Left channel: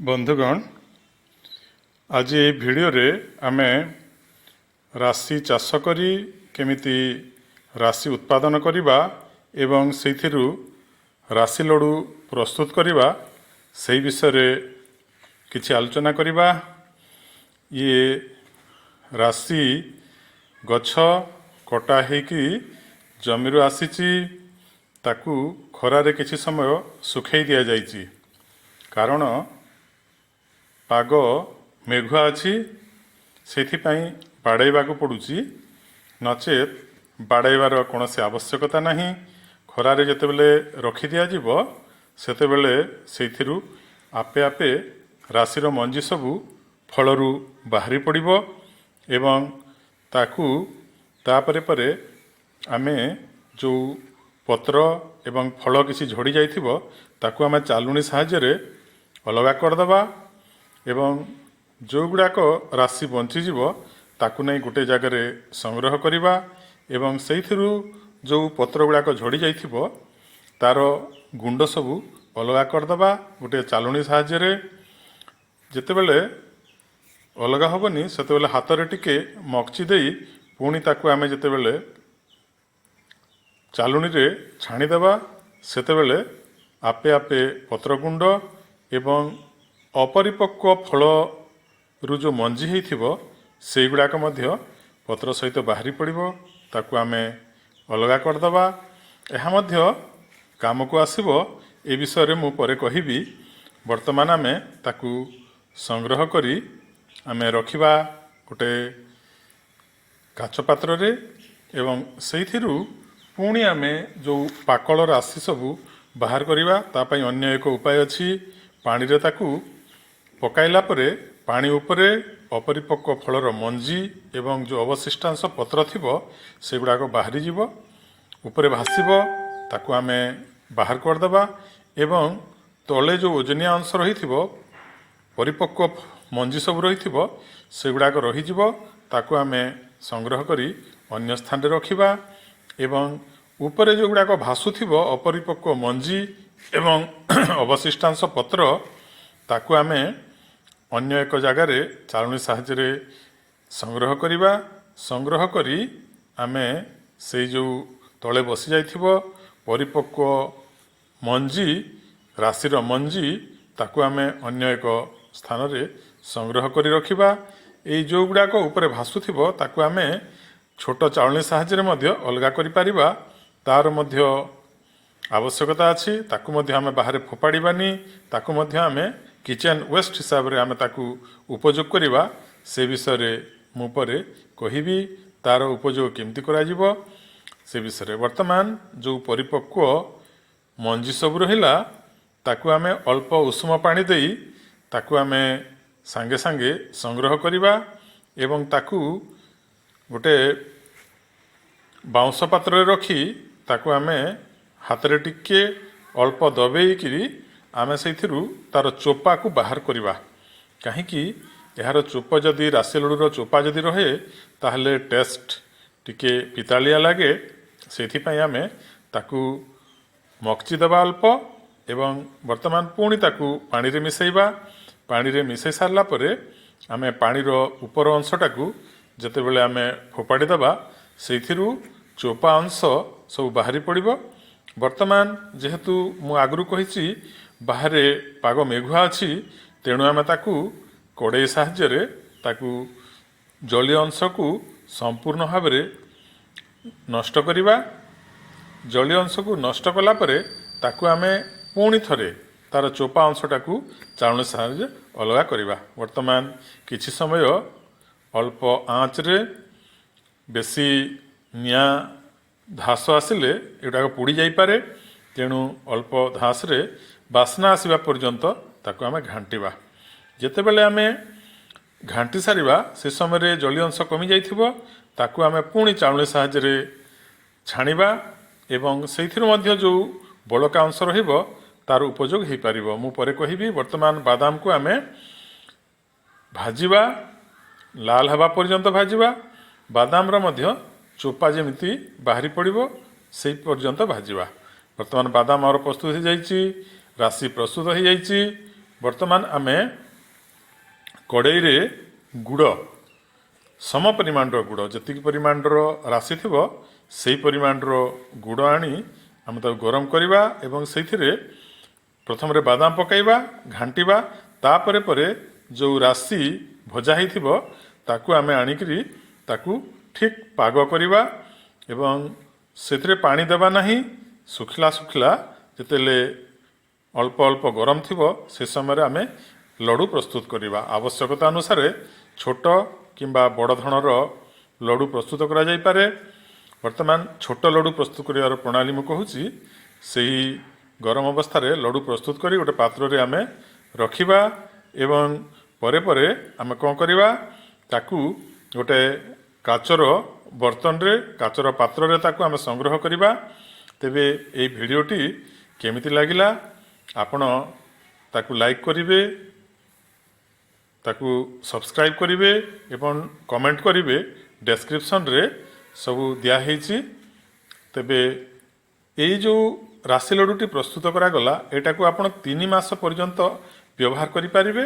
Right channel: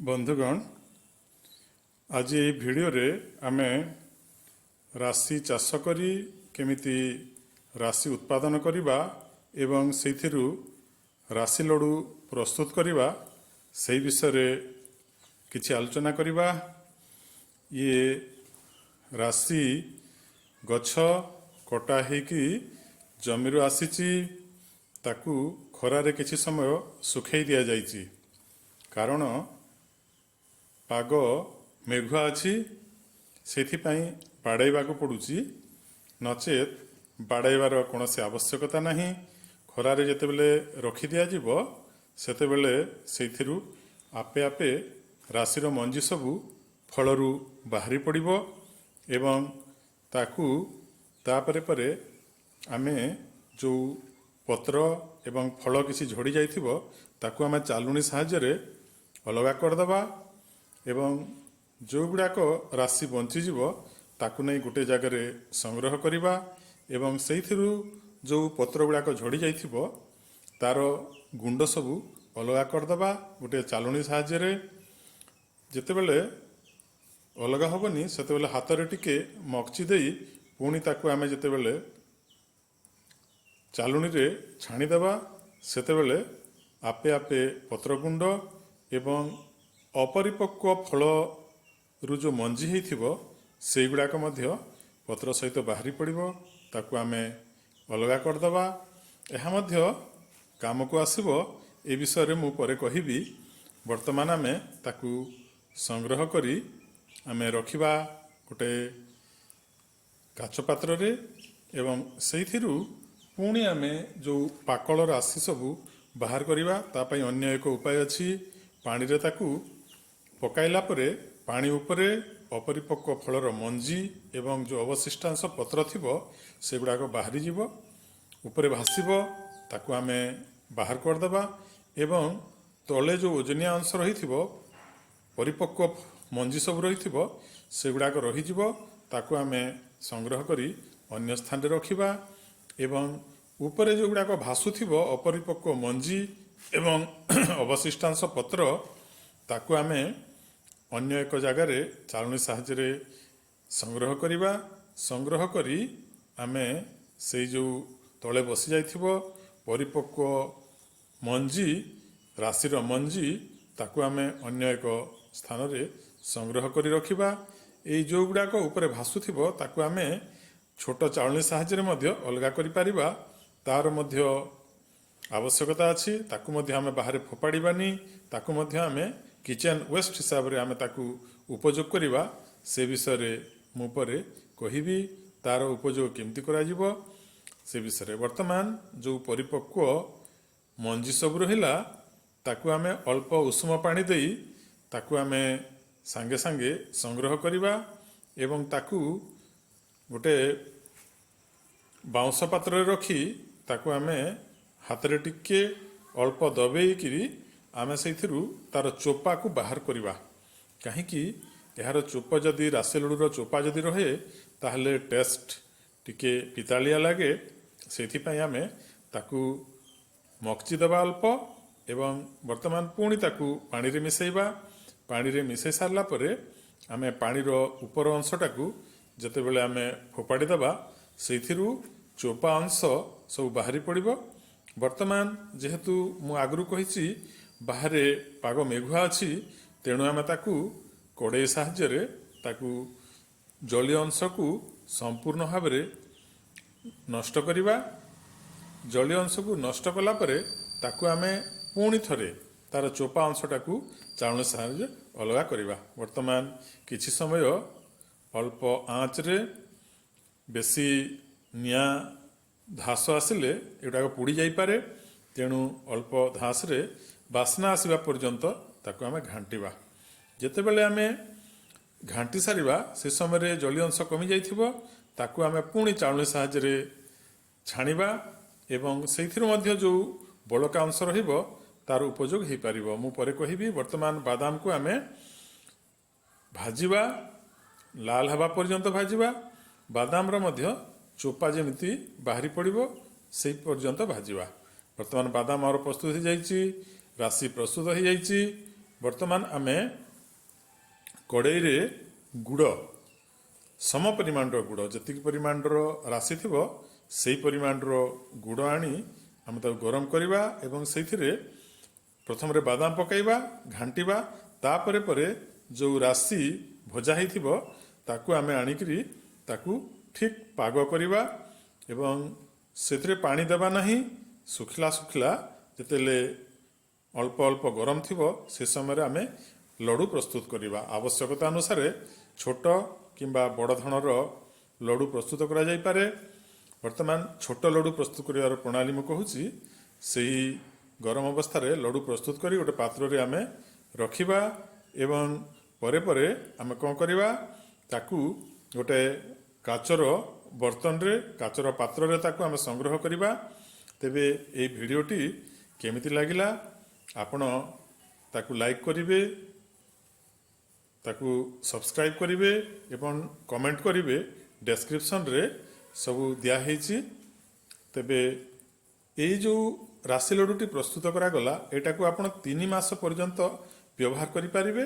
बंधुगण आज ये भिडियो रे आमे राशि चाष करी केमिति राशि उत्पादन करिबा एवं सेथिरु राशि लडू प्रस्तुत करिबा सेही विषय रे किछि आलोचना करिबा। ये राशि गछ कटा हेकी जमीरु आसीची ताकू खरारे किछि समय सुखाई दिया जाइची कारण पाग मेघुआ अच्छी से बाड़ाइबा पड़ुची नचेत बाड़ाइबार कौन आवश्यकता नहीं। खरारे जितेबले रखी दिज्व सेतेबले से आपे आपे राशि मंजी सबू फलरू बाहरी पड़ो एवं ताकू तापरे परे आमे जो पत्र एवं फल किसी झड़ी जाइथिबो ताकू आमे चालुणी साहाय्य अलगा करदबा एवं जो गुड़ाक राशि बंचीज ताकू नहीं गोटे जगार संग्रह करवा एवं से जो पत्र गुड़ाक झड़ी जाइथिबो तार गुंड सबू अलगा करदबा गोटे चालुणी साहाय्य जेतेबेले अलगा हेनी सेतेबेले हाथ में टिके मकची दे पुणी ताकू आमे जेतेबेले चालुणी रे छाणीदेवा सेतेबेले आपे आपे पत्र गुंड एवं अपरिपक्व फल रु जो मंजी होइथिबो से गुड़ाक मध्य पत्र सहित बाहरी पड़ो ताकू आमे अलगा करदबा। एहा मध्य काम को आसीबो ए विषय रे मु परे कहिबी। वर्तमान आमे ताकू संग्रह करी आमे रखिबा गोटे काच पात्र रे एवं सेइथिरु पुणी आमे जो पाकल राशि सबू बाहर करिबा ता पई अन्य एक उपाय अछि। पानी रे ताकू पकाइला परे पानी उपरे अपरिपक्व फलर मंजी एवं जो अवशिष्टांश पत्र थिबो से गुड़ाक बाहरी जीवो उपरे भासीबो ताकू आमे बाहर करदबा एवं तले जो ओजनिया अंश रही थिबो परिपक्व मंजी सब रही थिबो से गुड़ाक रही जीवो ताकू आमे संग्रह करी अन्य स्थान रे रखिबा एवं उपरे जो गुड़ाक भासुथिबो अपरिपक्व मंजी एवं अवशिष्टांश पत्र ताकू आमे अन्य एक जगार चालुणी साहाय्य संग्रह करिबा। संग्रह करी आमे से जो तले बसी जाइथिबो परिपक्व मंजी राशिर मंजी ताकू आमे अन्य एक स्थान रे संग्रह करी रखिबा। एई जो गुड़ाक ऊपर भासुथिबो ताकू आमे छोट चालुणी साहाय्य मध्य अलगा करि पारिबा तार मध्य आवश्यकता अछि। ताकू मध्य आमे बाहर फोपाड़ीबानी ताकू मध्य आमे किचेन वेस्ट हिसाब रे आमे ताकू उपयोग करिबा से विषय रे मु परे कहिबी। तार उपयोग केमती करा जिवो से विषय रे वर्तमान जो परिपक्व मंजी सब रहिला ताकू आमे अल्प उष्म पानी देई ताकू आमे सांगे सांगे संग्रह करिबा एवं ताकू गोटे बाउंस पात्र रे रखी ताकू आमे हाथ रे टिके अल्प दबेई किरी आमे सेथिरु तार चोपा को बाहर करिबा। काहेकि यार चोप जदि राशि लडूर चोपा जदि रहे ताहले टेस्ट टिके पितालिया लागे सेथिपई आमे ताकू मकची देबा अल्प एवं वर्तमान पुणी ताकू पानी रे मिसैबा। पानी रे मिसै सारला परे आमे पानी रो ऊपर अंशटाकू जेतेबेले आमे फोपाड़ी देबा सेथिरु चोपा अंश सब बाहरी पड़िबो। वर्तमान जेहेतु मु आगु कहिछि बाहर पाग मेघुआ अच्छी तेणु आमे ताकू कड़े साहाय्य ताकू जलीय अंश को संपूर्ण भाव में नष्ट करिबा। जलीय अंश को नष्ट कला परे ताकू आमे पुणी थरे तार चोपा अंशटाकू चालुणी साहाय्य अलगा करिबा। वर्तमान किछि समय अल्प आँच रे बेसी निया धास आसिले एटा पोड़ी जाई पारे तेणु अल्प धास रे बास्ना आसवा पर्यंत ताकू आमे घांटिबा। जेतेबेले आमे घांटी सारिबा से समय जलीय अंश कमी जाइथिबो ताकू आमे पुणी चालुणी साहाय्य छाणीबा एवं सेथिरु मध्य जो बलका अंश रहिबो तार उपयोग हेइ पारिबो। मु परे कहिबी। वर्तमान बादाम को आमे भाजिबा लाल हवा पर्यंत भाजिबा बादाम रो मध्य चोपा जेमिति बाहरी पड़िबो सेइ पर्यंत भाजिबा। वर्तमान बादाम और प्रस्तुत हो जाइछि राशि प्रस्तुत हो जाइछि ବର୍ତ୍ତମାନ ଆମେ କଡ଼େଇରେ ଗୁଡ଼ ସମ ପରିମାଣର ଗୁଡ଼ ଯେତିକି ପରିମାଣର ରାଶି ଥିବ ସେହି ପରିମାଣର ଗୁଡ଼ ଆଣି ଆମେ ତାକୁ ଗରମ କରିବା ଏବଂ ସେଇଥିରେ ପ୍ରଥମରେ ବାଦାମ ପକାଇବା ଘାଣ୍ଟିବା ତାପରେ ପରେ ଯେଉଁ ରାଶି ଭଜା ହେଇଥିବ ତାକୁ ଆମେ ଆଣିକିରି ତାକୁ ଠିକ୍ ପାଗ କରିବା ଏବଂ ସେଥିରେ ପାଣି ଦେବା ନାହିଁ ଶୁଖିଲା ଶୁଖିଲା ଯେତେବେଳେ ଅଳ୍ପ ଅଳ୍ପ ଗରମ ଥିବ ସେ ସମୟରେ ଆମେ ଲଡ଼ୁ ପ୍ରସ୍ତୁତ କରିବା ଆବଶ୍ୟକତା ଅନୁସାରେ ଛୋଟ କିମ୍ବା ବଡ଼ ଧରଣର ଲଡ଼ୁ ପ୍ରସ୍ତୁତ କରାଯାଇପାରେ ବର୍ତ୍ତମାନ ଛୋଟ ଲଡ଼ୁ ପ୍ରସ୍ତୁତ କରିବାର ପ୍ରଣାଳୀ ମୁଁ କହୁଛି ସେହି ଗରମ ଅବସ୍ଥାରେ ଲଡ଼ୁ ପ୍ରସ୍ତୁତ କରି ଗୋଟେ ପାତ୍ରରେ ଆମେ ରଖିବା ଏବଂ ପରେ ପରେ ଆମେ କ'ଣ କରିବା ତାକୁ ଗୋଟେ କାଚର ବର୍ତ୍ତନରେ କାଚର ପାତ୍ରରେ ତାକୁ ଆମେ ସଂଗ୍ରହ କରିବା ତେବେ ଏହି ଭିଡ଼ିଓଟି କେମିତି ଲାଗିଲା ଆପଣ ତାକୁ ଲାଇକ୍ କରିବେ ତାକୁ ସବସ୍କ୍ରାଇବ୍ କରିବେ ଏବଂ କମେଣ୍ଟ କରିବେ ଡେସ୍କ୍ରିପସନରେ ସବୁ ଦିଆହେଇଛି ତେବେ ଏଇ ଯେଉଁ ରାଶି ଲଡ଼ୁଟି ପ୍ରସ୍ତୁତ କରାଗଲା ଏଟାକୁ ଆପଣ 3 ମାସ ପର୍ଯ୍ୟନ୍ତ ବ୍ୟବହାର କରିପାରିବେ